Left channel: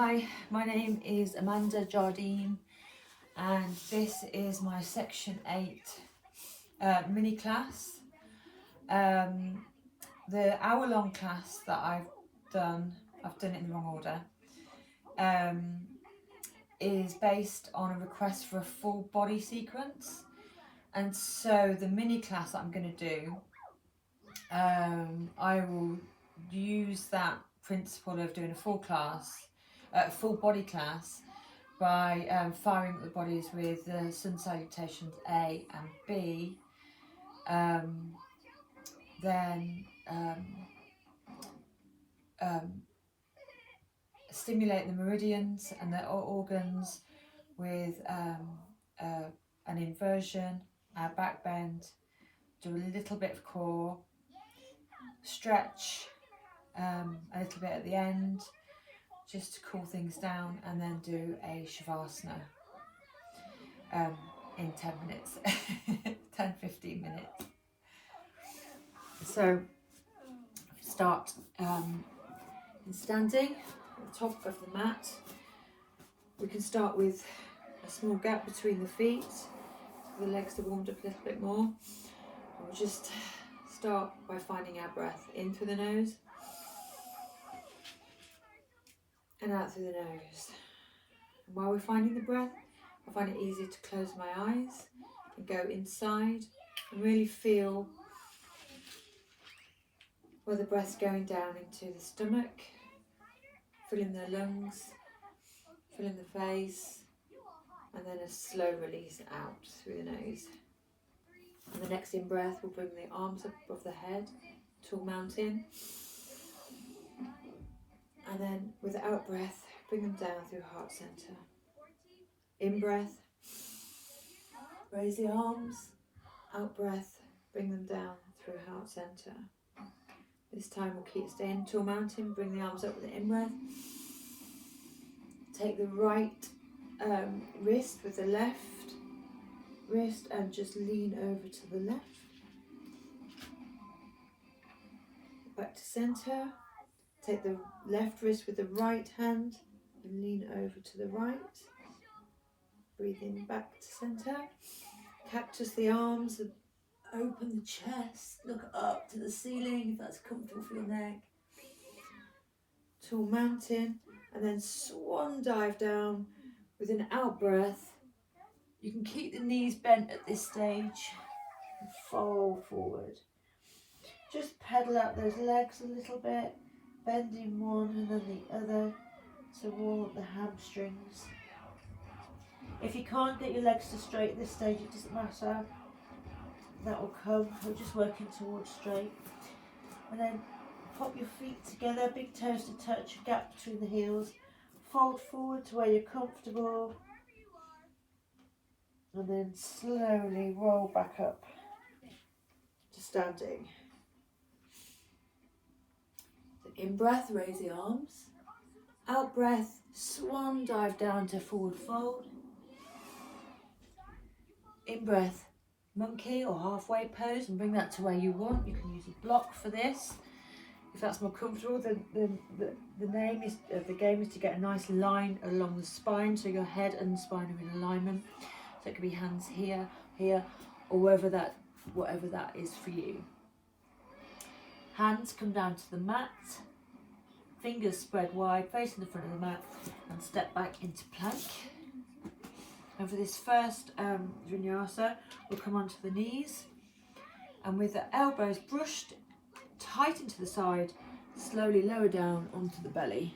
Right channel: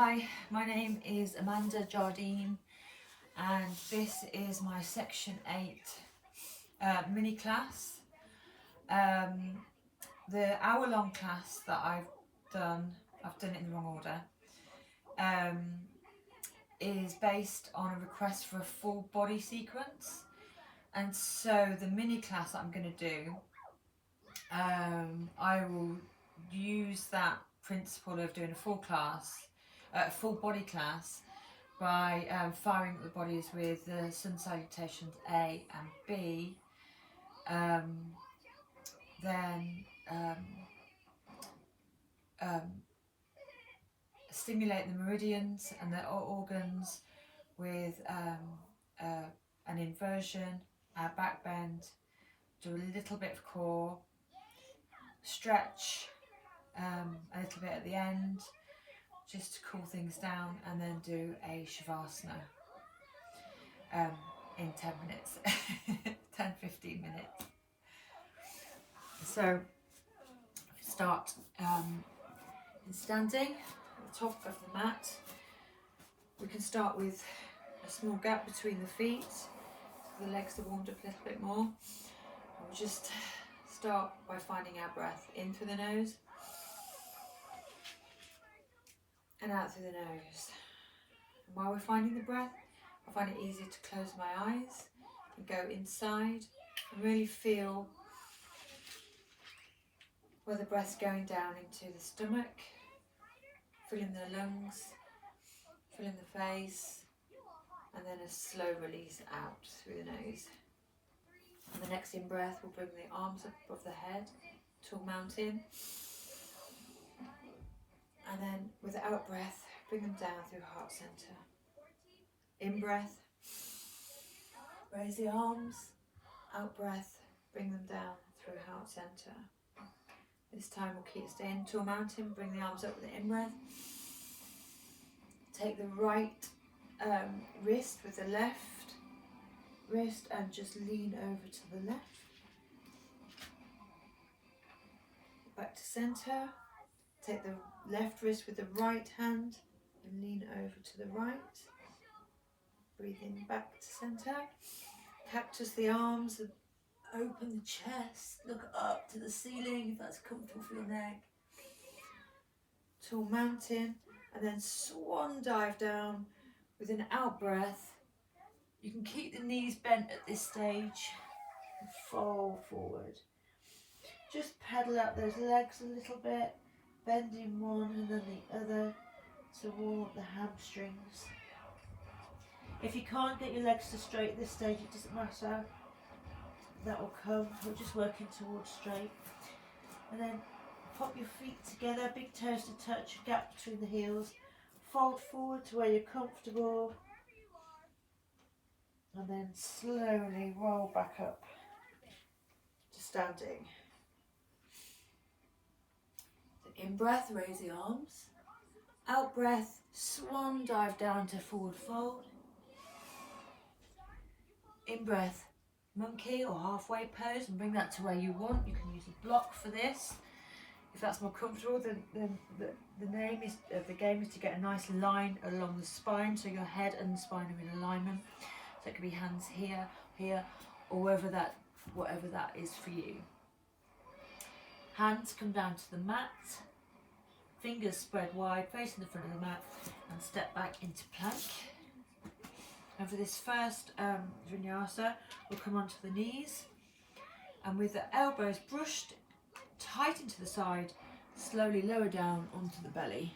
Hi, my name is Amanda Jardine and this is my section 8 mini class. The hour-long class that I've done it in the wrong order, is based on a request for a full body sequence, and so the mini class that I'm going to do, I will use that principle of doing a full body class by firing up the bodies with the sun salutations A and B, then stimulate the meridians and the organs with an inversion, a back bend, do a little bit of core, stretch a little bit at the end just to cool things down, and then do a shavasana in 10 minutes 10-15 minutes. So start in standing at the top of the mat. We can start with a small gap between the feet so the legs are warmed up a little bit more. We'll just start by finding our breath in through the nose and out through the nose. And while we're finding the breath, I find it easier to close my eyes and go inside and really feel where the breath's going down into the stomach, filling the lungs, filling the face, and then a slow release out through the nose. And the next in-breath will bring the arms up above the head, tall mountain. And then with the out-breath, bring them down through heart center. In-breath, raise the arms. Out-breath, bring them down through heart center. This time we'll keep staying tall mountain, bring the arms up with the in-breath. Take the right wrist with the left wrist and just lean over to the left. Back to center. Take the left wrist with the right hand and lean over to the right. Breathe in back to center. Cactus the arms and open the chest. Look up to the ceiling if that's comfortable for your neck. Tall mountain, and then swan dive down with an out breath. You can keep the knees bent at this stage and fold forward. Just pedal out those legs a little bit, bending one and then the other to warm up the hamstrings. If you can't get your legs to straight at this stage, it doesn't matter. That will come. We're just working towards straight. And then pop your feet together, big toes to touch, gap between the heels. Fold forward to where you're comfortable. And then slowly roll back up to standing. So in breath, raise the arms. Out breath, swan dive down to forward fold. In breath, monkey or halfway pose, and bring that to where you want. You can use a block for this if that's more comfortable. The name is the game is to get a nice line along the spine, so your head and spine are in alignment. So it could be hands here, here, or whatever that is for you. Hands come down to the mat, fingers spread wide, facing the front of the mat, and step back into plank. And for this first vinyasa, we'll come onto the knees, and with the elbows brushed tight into the side, slowly lower down onto the belly.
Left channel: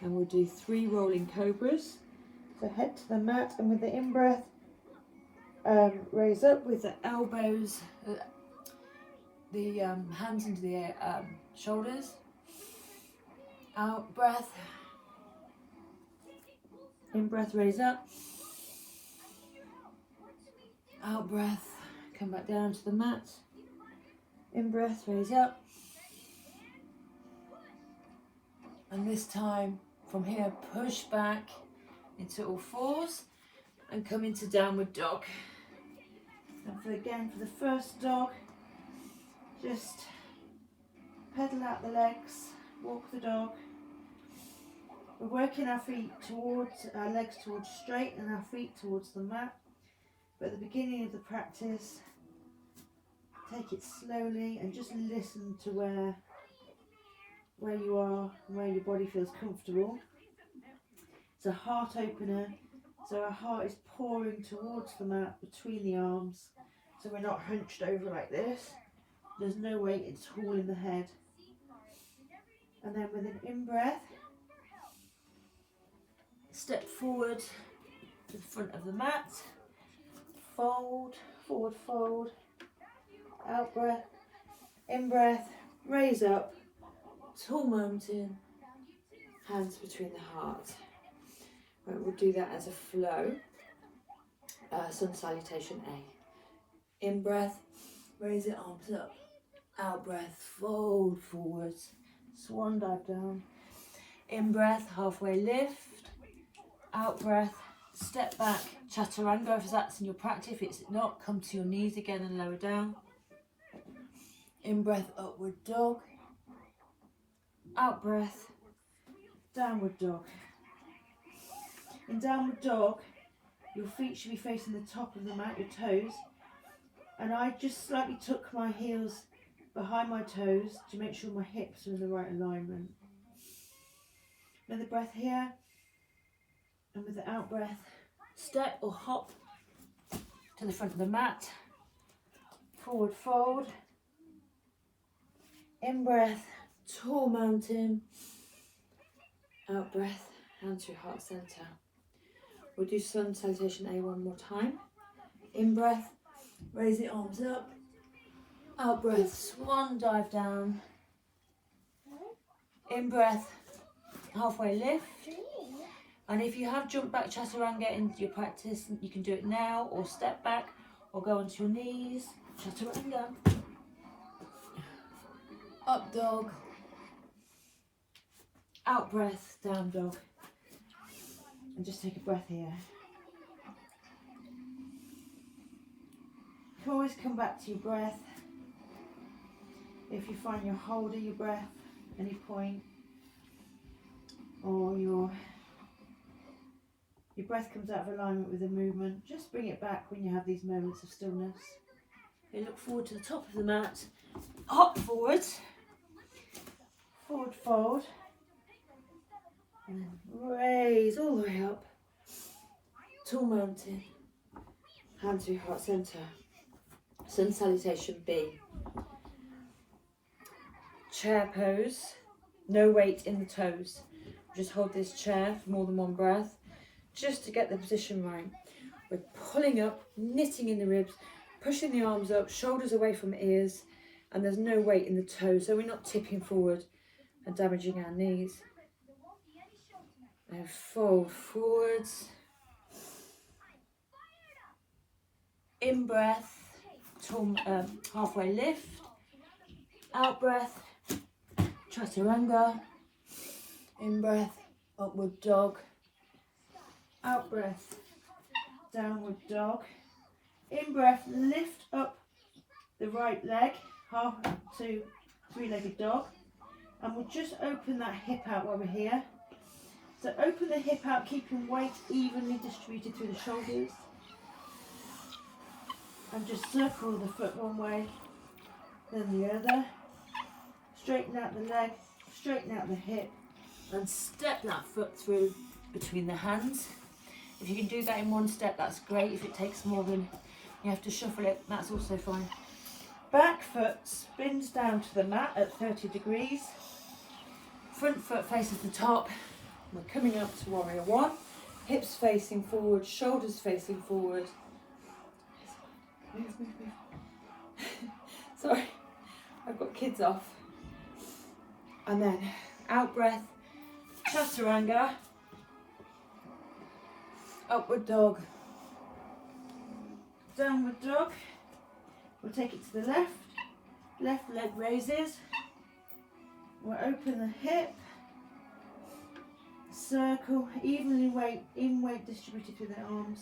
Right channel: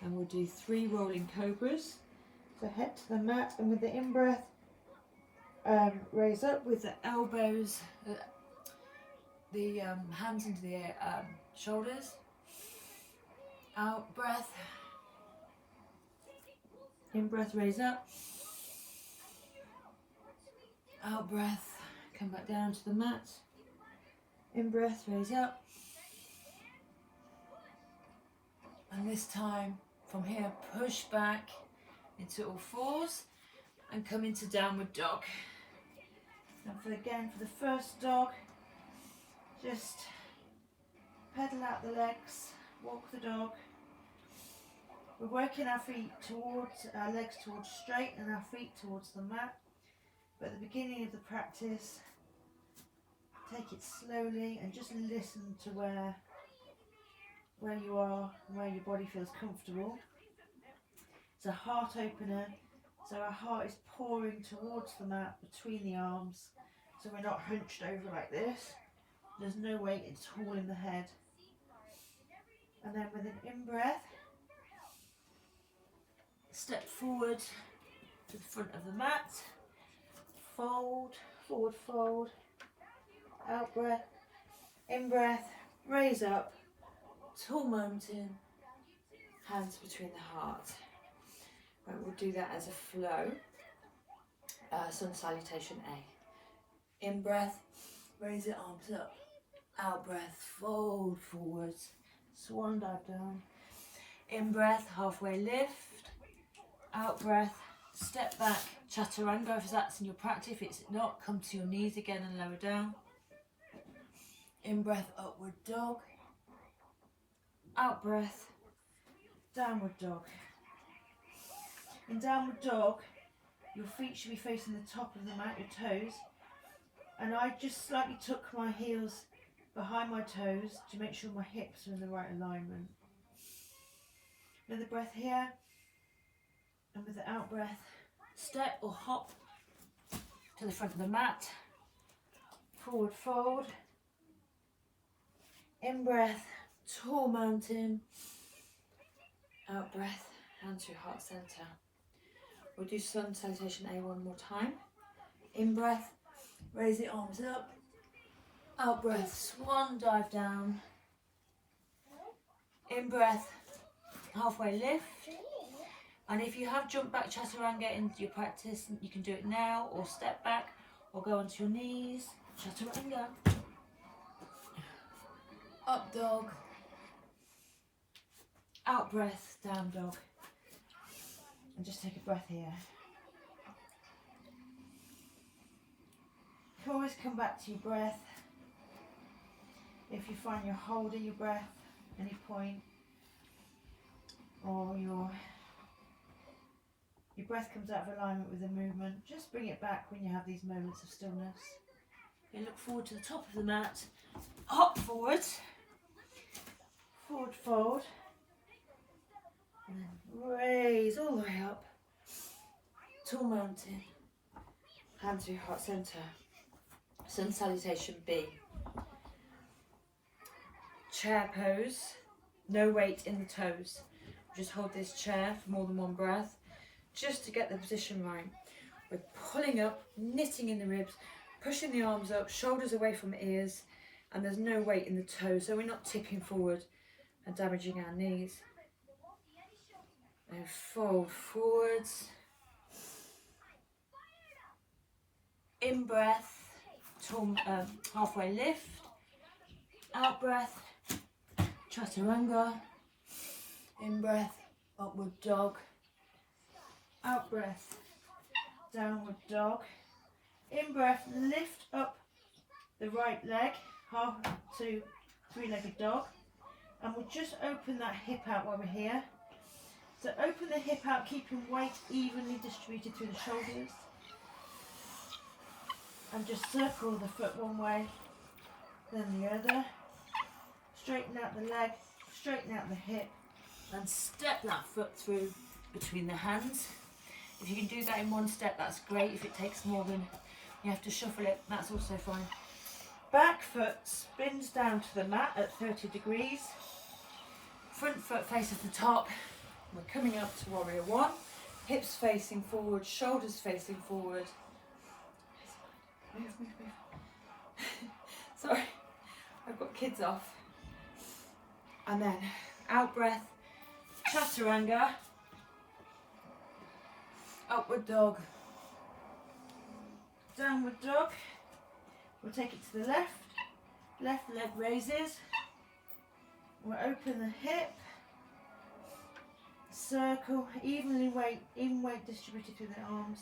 And we'll do 3 rolling cobras. So head to the mat, and with the in-breath, raise up with the elbows, the hands into the shoulders. Out breath. In-breath, raise up. Out breath, come back down to the mat. In-breath, raise up. And this time, from here, push back into all fours and come into downward dog. And for the first dog, just pedal out the legs, walk the dog, We're working our feet towards, our legs towards straight and our feet towards the mat. But at the beginning of the practice, take it slowly and just listen to where you are and where your body feels comfortable. It's a heart opener, so our heart is pouring towards the mat between the arms, so we're not hunched over like this. There's no weight, it's all in the head. And then with an in-breath, step forward to the front of the mat, fold, forward fold, out breath, in-breath, raise up, tall mountain, hands between the heart. Right, we'll do that as a flow. Sun salutation A. In-breath, raise your arms up, out breath, fold forwards, swan dive down. In-breath, halfway lift, out breath, step back, chaturanga if that's in your practice. If it's not, come to your knees again and lower down. In-breath, upward dog. Out breath, downward dog. In downward dog, your feet should be facing the top of the mat, your toes. And I just slightly tuck my heels behind my toes to make sure my hips are in the right alignment. Another breath here. And with the out breath, step or hop to the front of the mat. Forward fold. In breath, tall mountain. Out breath, hands to your heart center. We'll do sun salutation A one more time. In breath, raise the arms up. Out breath, swan dive down. In breath, halfway lift. And if you have jumped back chaturanga into your practice, you can do it now, or step back, or go onto your knees. Chaturanga. Up dog. Out breath, down dog. And just take a breath here. You can always come back to your breath. If you find you're holding your breath at any point, or your breath comes out of alignment with the movement, just bring it back when you have these moments of stillness. Okay, look forward to the top of the mat, hop forward, forward fold, and then raise all the way up, tall mountain, hands to your heart center, sun salutation B. Chair pose, no weight in the toes. Just hold this chair for more than one breath, just to get the position right. We're pulling up, knitting in the ribs, pushing the arms up, shoulders away from ears, and there's no weight in the toes, so we're not tipping forward and damaging our knees. And fold forwards. In breath, halfway lift. Out breath, chaturanga. In breath, upward dog. Out breath, downward dog. In breath, lift up the right leg, half to three-legged dog. And we'll just open that hip out while we're here. So open the hip out, keeping weight evenly distributed through the shoulders. And just circle the foot one way, then the other. Straighten out the leg, straighten out the hip, and step that foot through between the hands. If you can do that in one step, that's great. If it takes more than you have to shuffle it, that's also fine. Back foot spins down to the mat at 30 degrees. Front foot faces the top. We're coming up to warrior one. Hips facing forward, shoulders facing forward. Move, move, move. Sorry, I've got kids off. And then out breath, chaturanga, upward dog, downward dog. We'll take it to the left, left leg raises. We'll open the hip, circle, even weight distributed through the arms.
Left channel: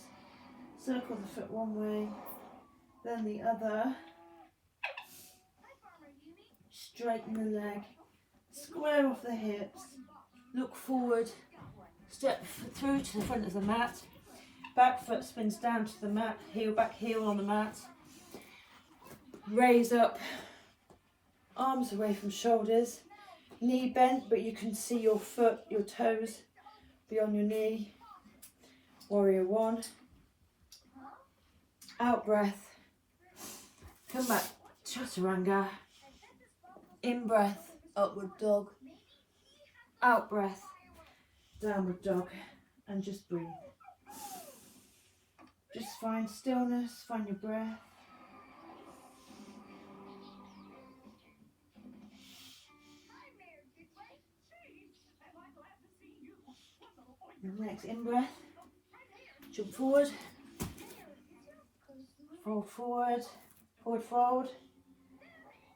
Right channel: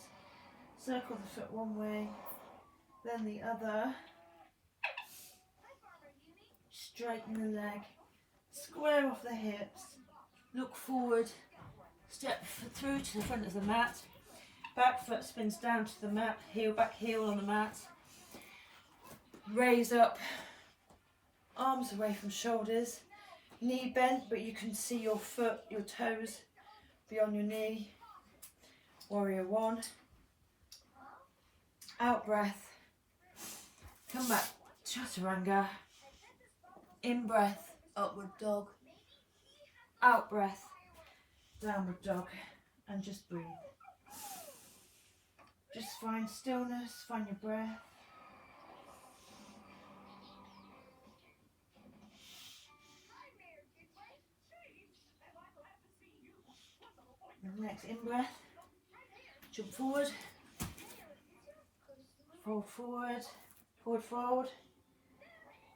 Circle the foot one way, then the other. Straighten the leg, square off the hips, look forward step through to the front of the mat. Back foot spins down to the mat, heel, back heel on the mat. Raise up, arms away from shoulders, knee bent, but you can see your foot, your toes beyond your knee. Warrior one. Out breath. Come back, chaturanga. In breath, upward dog. Out breath, downward dog. And just breathe. Just find stillness, find your breath. Your next in breath, jump forward, fold forward, forward fold,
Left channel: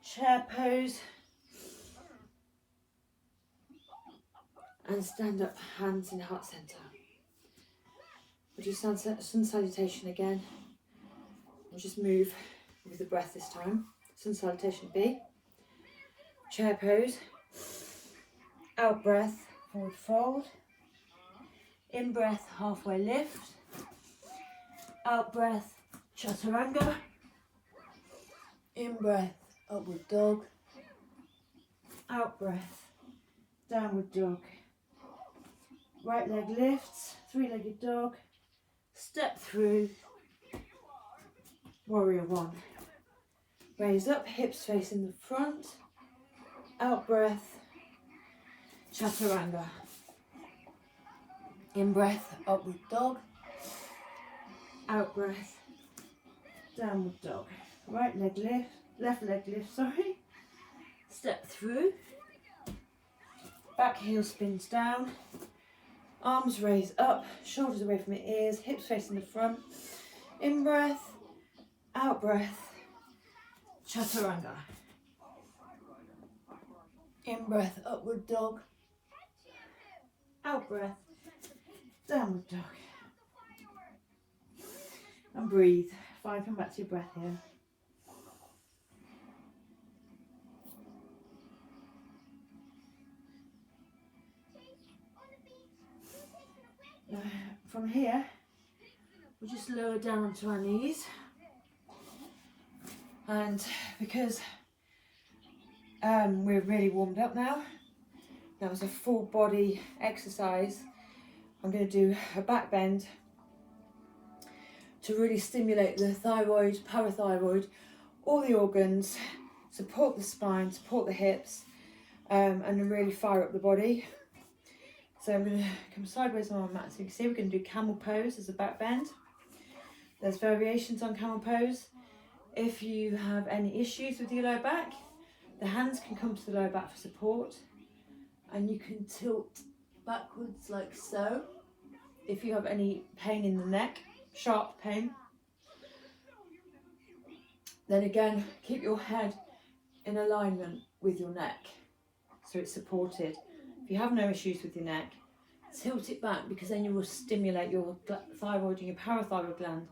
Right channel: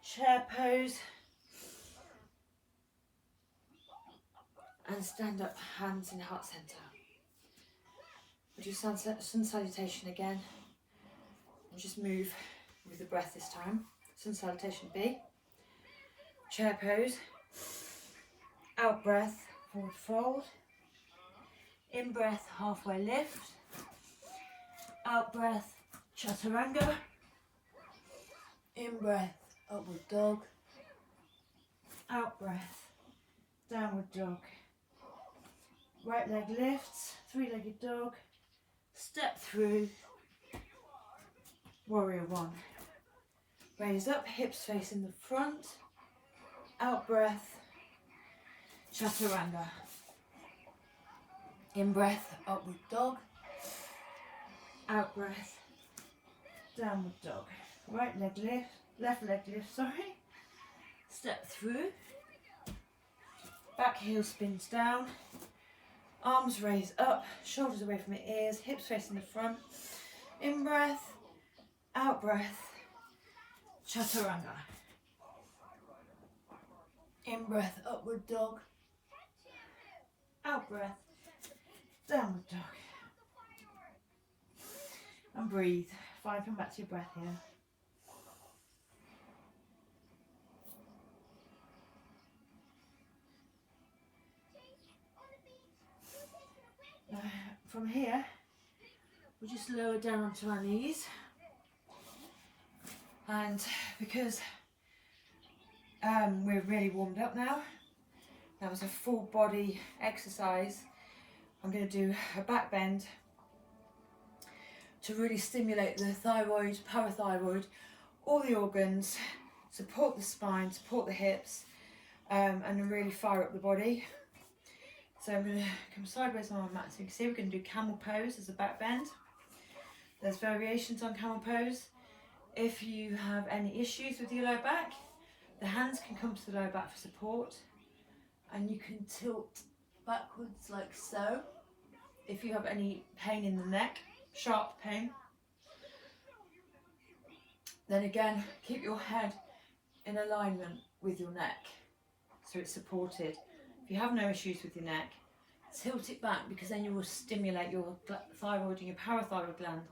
chair pose, and stand up, hands in heart center. We'll do sun salutation again, and just move with the breath this time. Sun salutation B, chair pose, out breath, forward fold, in breath, halfway lift, out breath, chaturanga, in breath, upward dog, out breath, downward dog, right leg lifts, three-legged dog, step through, warrior one, raise up, hips facing the front, out breath, chaturanga. In breath, upward dog, out breath, downward dog. Right leg lift, left leg lift, sorry. Step through, back heel spins down, arms raise up, shoulders away from the ears, hips facing the front. In breath, out breath, chaturanga. In breath, upward dog, out breath, downward dog. And breathe. Fine, come back to your breath here. Now, from here, we'll just lower down onto our knees. And because we're really warmed up now, that was a full body exercise. I'm going to do a back bend to really stimulate the thyroid, parathyroid, all the organs, support the spine, support the hips, and really fire up the body. So I'm going to come sideways on my mat. So you can see we're going to do camel pose as a back bend. There's variations on camel pose. If you have any issues with your lower back, the hands can come to the lower back for support, and you can tilt backwards like so. If you have any pain in the neck, sharp pain, then again, keep your head in alignment with your neck so it's supported. If you have no issues with your neck, tilt it back, because then you will stimulate your thyroid and your parathyroid gland,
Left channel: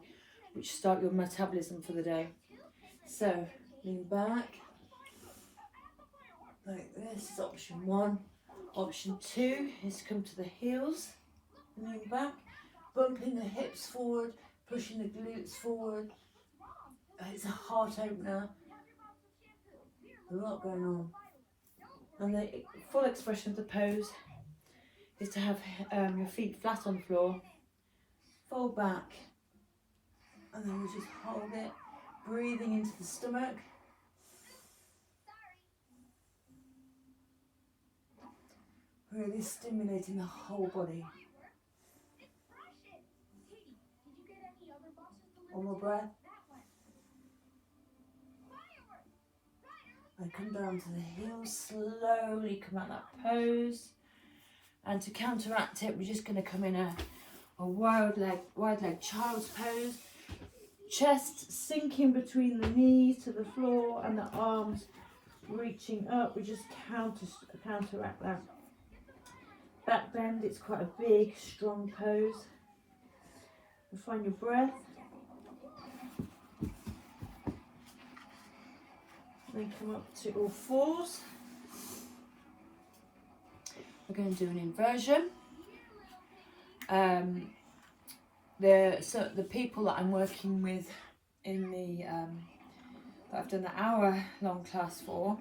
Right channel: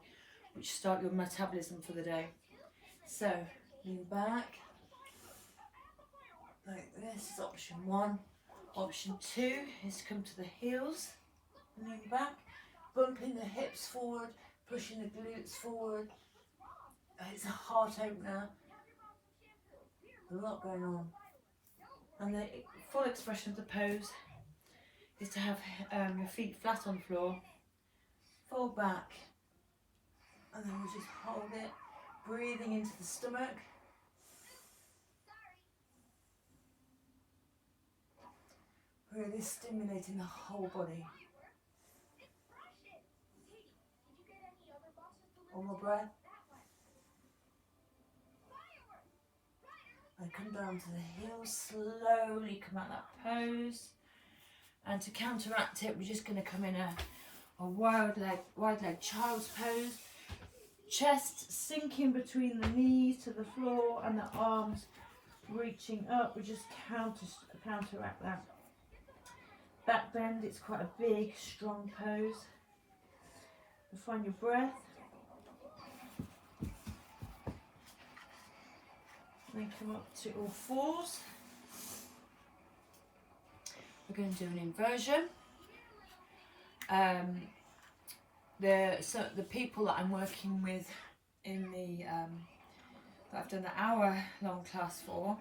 which start your metabolism for the day. So, lean back, like this is option one. Option two is come to the heels, lean back, bumping the hips forward, pushing the glutes forward. It's a heart opener, a lot going on. And the full expression of the pose is to have your feet flat on the floor, fold back, and then we just hold it, breathing into the stomach. Really stimulating the whole body. One more breath. And come down to the heels, slowly come out that pose. And to counteract it, we're just going to come in a wide leg child's pose. Chest sinking between the knees to the floor and the arms reaching up. We just counteract that. Back bend, it's quite a big, strong pose. And find your breath. Then come up to all fours. We're going to do an inversion. the people that I'm working with in the that I've done an hour-long class for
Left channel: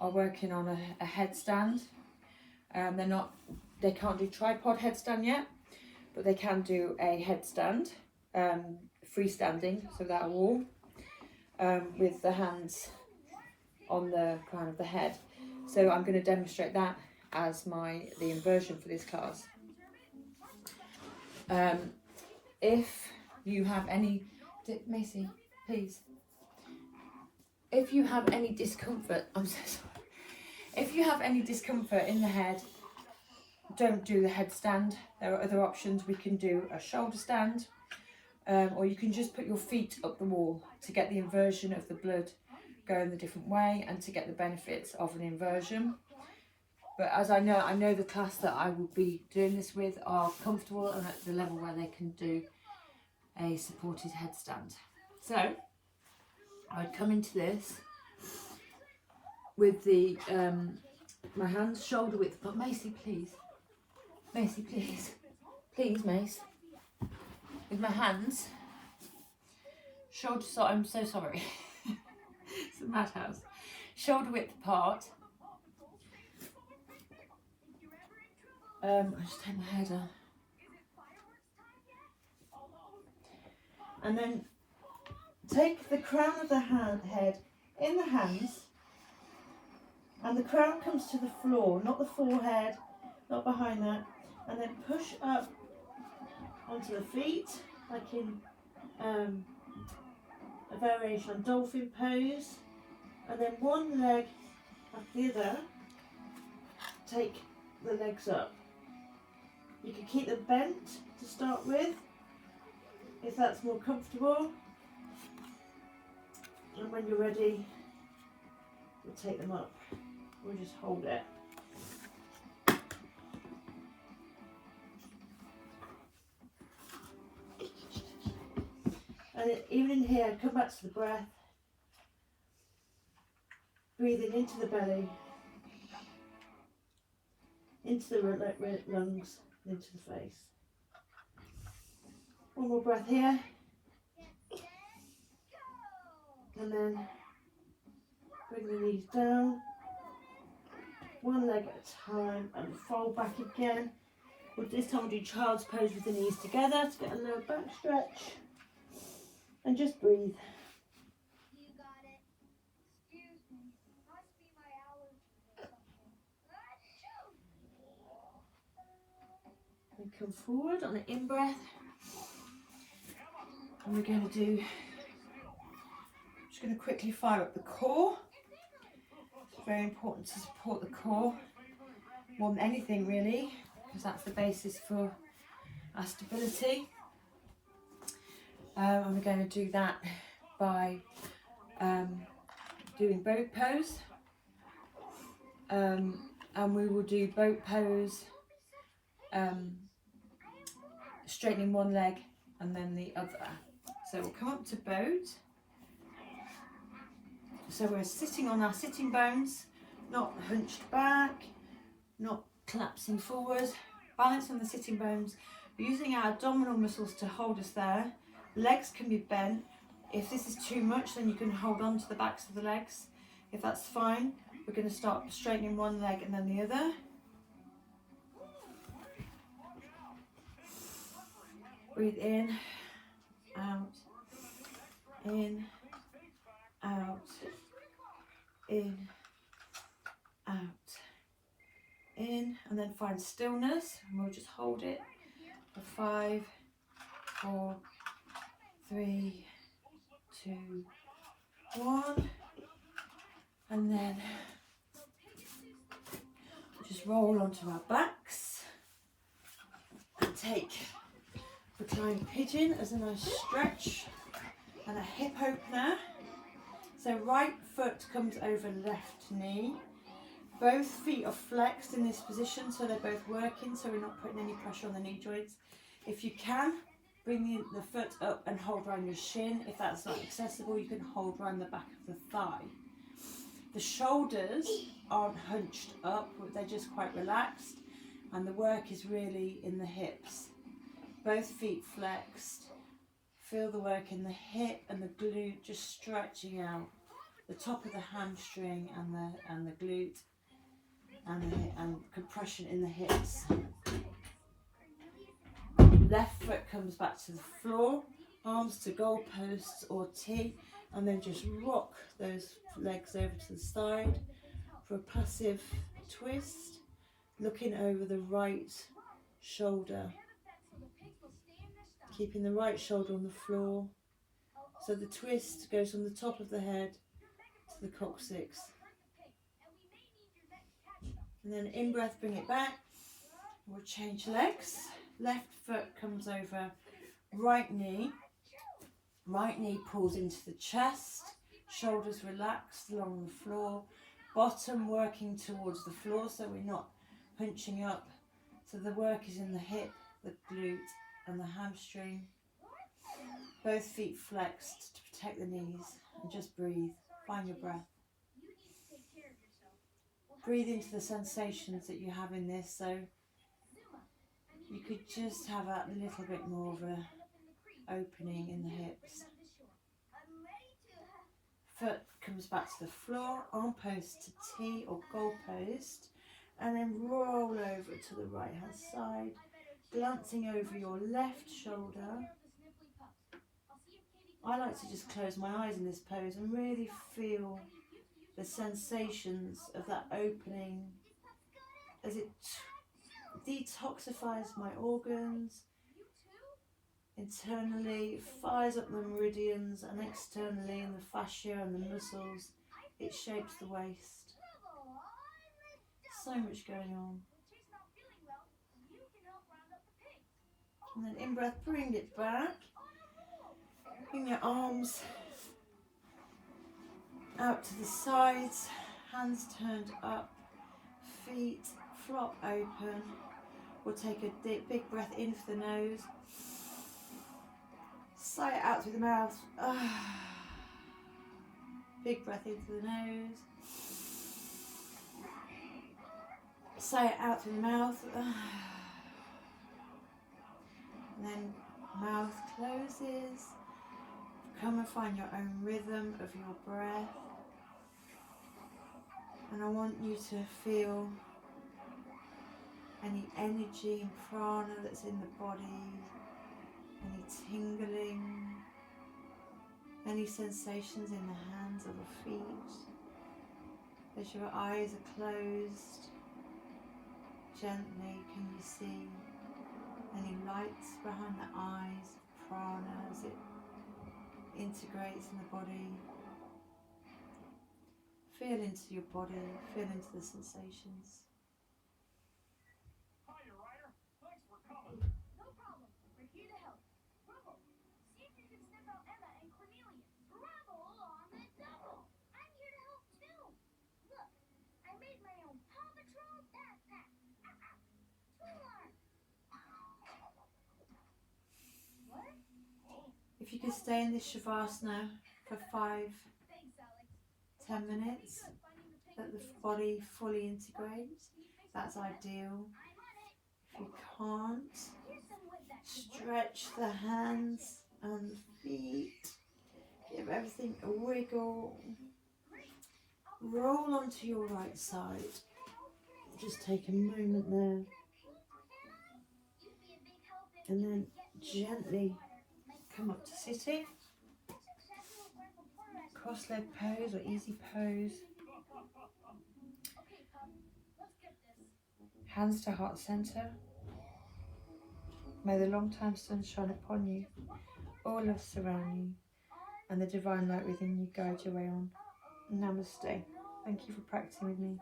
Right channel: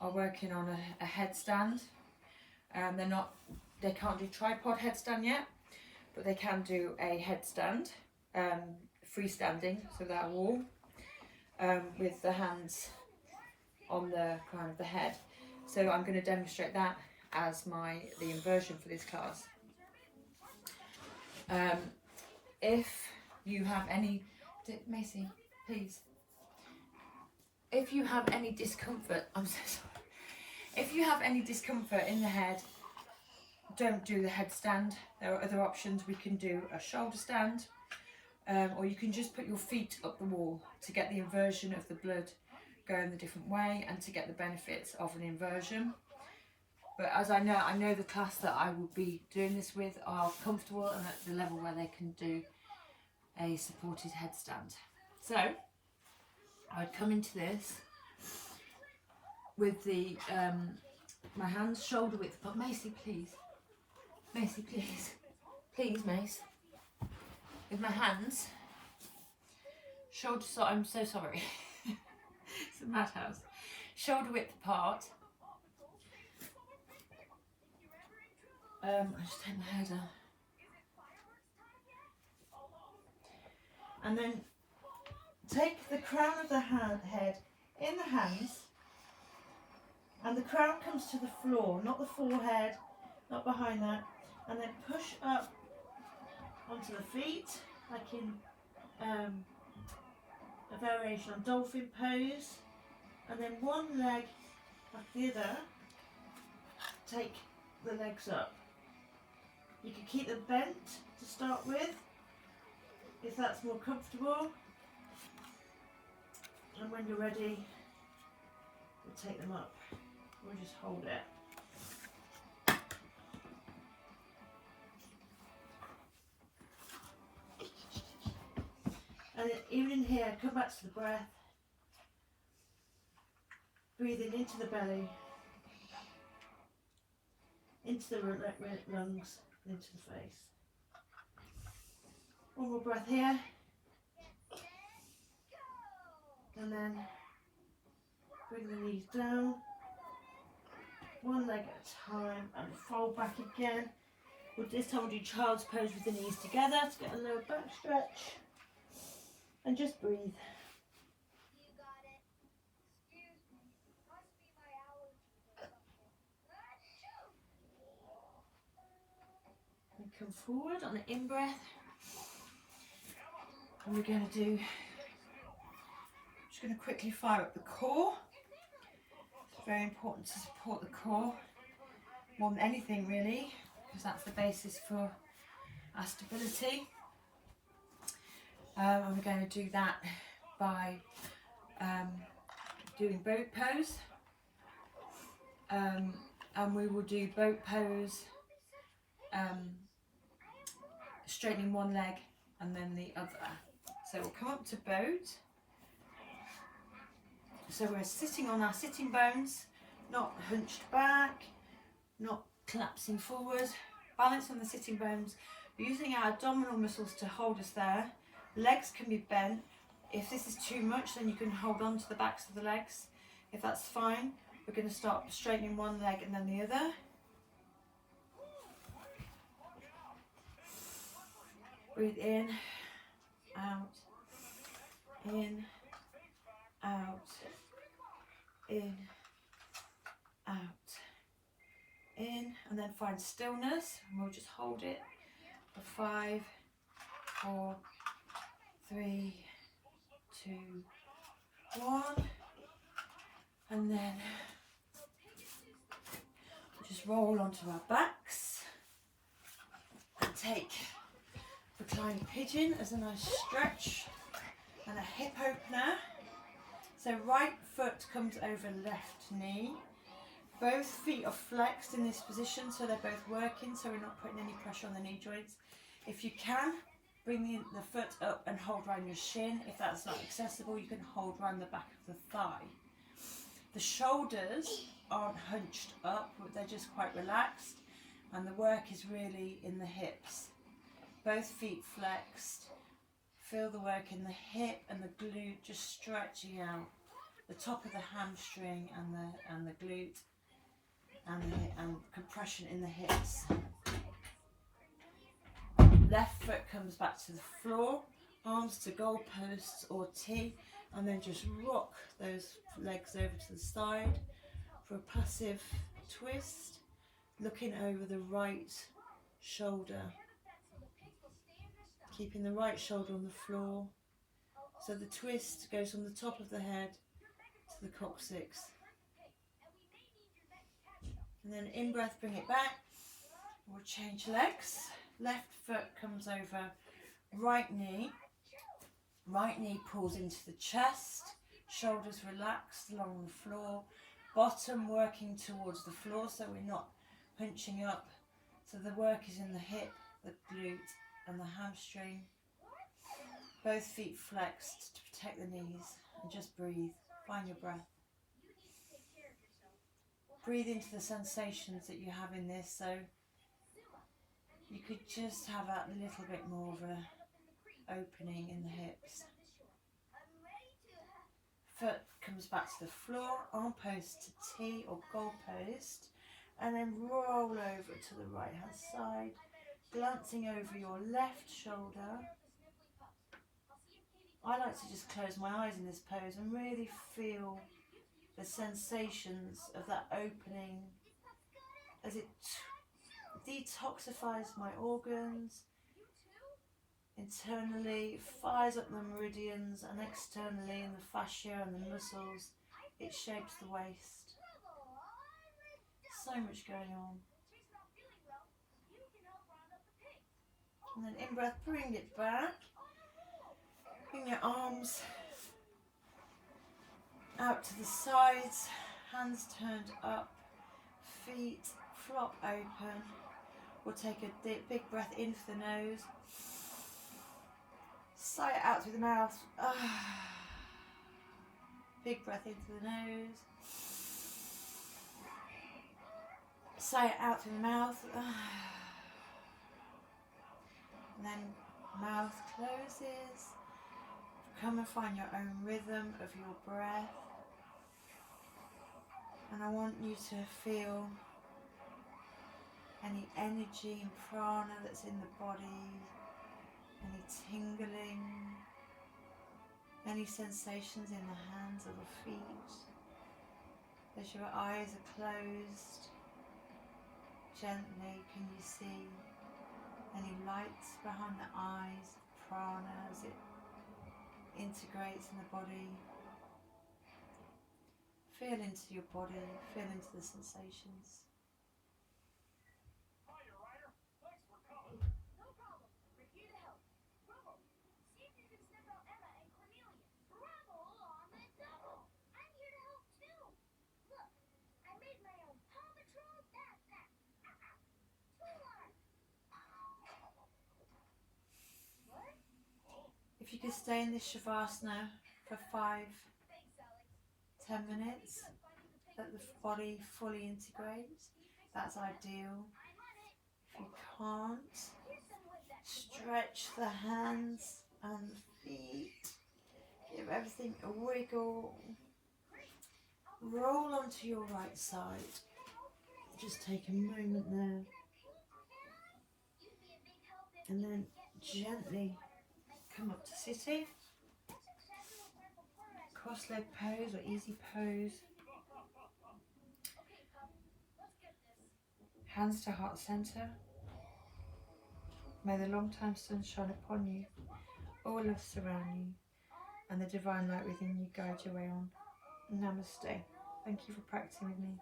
are working on a headstand. They can't do tripod headstand yet, but they can do a headstand, freestanding, so without a wall, with the hands on the crown of the head. So I'm going to demonstrate that as the inversion for this class. If you have any, Macy, please. If you have any discomfort, I'm so sorry. If you have any discomfort in the head, don't do the headstand. There are other options. We can do a shoulder stand, or you can just put your feet up the wall to get the inversion of the blood going the different way and to get the benefits of an inversion. But as I know the class that I will be doing this with are comfortable and at the level where they can do a supported headstand. So I would come into this with the my hands shoulder width, but Macy, please. Macy, please. Please, Mace. With my hands shoulder, so I'm so sorry. It's a madhouse. Shoulder width apart. I just take my head off. And then take the crown of the head in the hands, and the crown comes to the floor, not the forehead, not behind that, and then push up onto the feet, like in a variation on dolphin pose, and then one leg after the other, take the legs up. You can keep them bent to start with, if that's more comfortable, and when you're ready, we'll take them up. We'll just hold it. And even in here, come back to the breath. Breathing into the belly, into the lungs, into the face. One more breath here. And then bring the knees down. One leg at a time and fold back again. This time we'll do child's pose with the knees together to get a lower back stretch. And just breathe. And come forward on an in-breath. And we're going to do, I'm just going to quickly fire up the core. It's very important to support the core more than anything really, because that's the basis for our stability. And we're going to do that by doing boat pose, and we will do boat pose, straightening one leg and then the other. So we'll come up to boat. So we're sitting on our sitting bones, not hunched back, not collapsing forward, balance on the sitting bones, using our abdominal muscles to hold us there. Legs can be bent. If this is too much, then you can hold on to the backs of the legs. If that's fine, we're going to start straightening one leg and then the other. Breathe in, out, in, out, in, out, in, and then find stillness, and we'll just hold it for 5, 4, 3, 2, 1, and then just roll onto our backs and take reclined pigeon as a nice stretch and a hip opener. So right foot comes over left knee, both feet are flexed in this position, so they're both working, so we're not putting any pressure on the knee joints. If you can, bring the foot up and hold around your shin. If that's not accessible, you can hold around the back of the thigh. The shoulders aren't hunched up, but they're just quite relaxed, and the work is really in the hips. Both feet flexed. Feel the work in the hip and the glute just stretching out. The top of the hamstring and the glute and compression in the hips. Left foot comes back to the floor, arms to goalposts or T, and then just rock those legs over to the side for a passive twist, looking over the right shoulder, keeping the right shoulder on the floor. So the twist goes from the top of the head to the coccyx. And then in breath, bring it back. We'll change legs. Left foot comes over right knee. Right knee pulls into the chest. Shoulders relaxed along the floor. Bottom working towards the floor so we're not hunching up. So the work is in the hip, the glute and the hamstring. Both feet flexed to protect the knees, and just breathe. Find your breath. Breathe into the sensations that you have in this, so you could just have a little bit more of an opening in the hips. Foot comes back to the floor, arm post to T or goal post, and then roll over to the right hand side, glancing over your left shoulder. I like to just close my eyes in this pose and really feel the sensations of that opening as it detoxifies my organs. Internally, it fires up the meridians, and externally in the fascia and the muscles, it shapes the waist. So much going on. And then in breath, bring it back. Bring your arms out to the sides, hands turned up, feet flop open. We'll take a big breath in for the nose. Sigh it out through the mouth. Big breath in through the nose. Sigh it out through the mouth. And then mouth closes. Come and find your own rhythm of your breath. And I want you to feel any energy and prana that's in the body, any tingling, any sensations in the hands or the feet. As your eyes are closed, gently can you see any lights behind the eyes, prana as it integrates in the body. Feel into your body, feel into the sensations. If you could stay in this Shavasana for 5-10 minutes, that the body fully integrates, that's ideal. If you can't, stretch the hands and the feet, give everything a wiggle, roll onto your right side, just take a moment there, and then gently come up to sitting, cross-leg pose or easy pose, hands to heart center. May the long-time sun shine upon you, all love surround you, and the divine light within you guide your way on. Namaste. Thank you for practicing with me.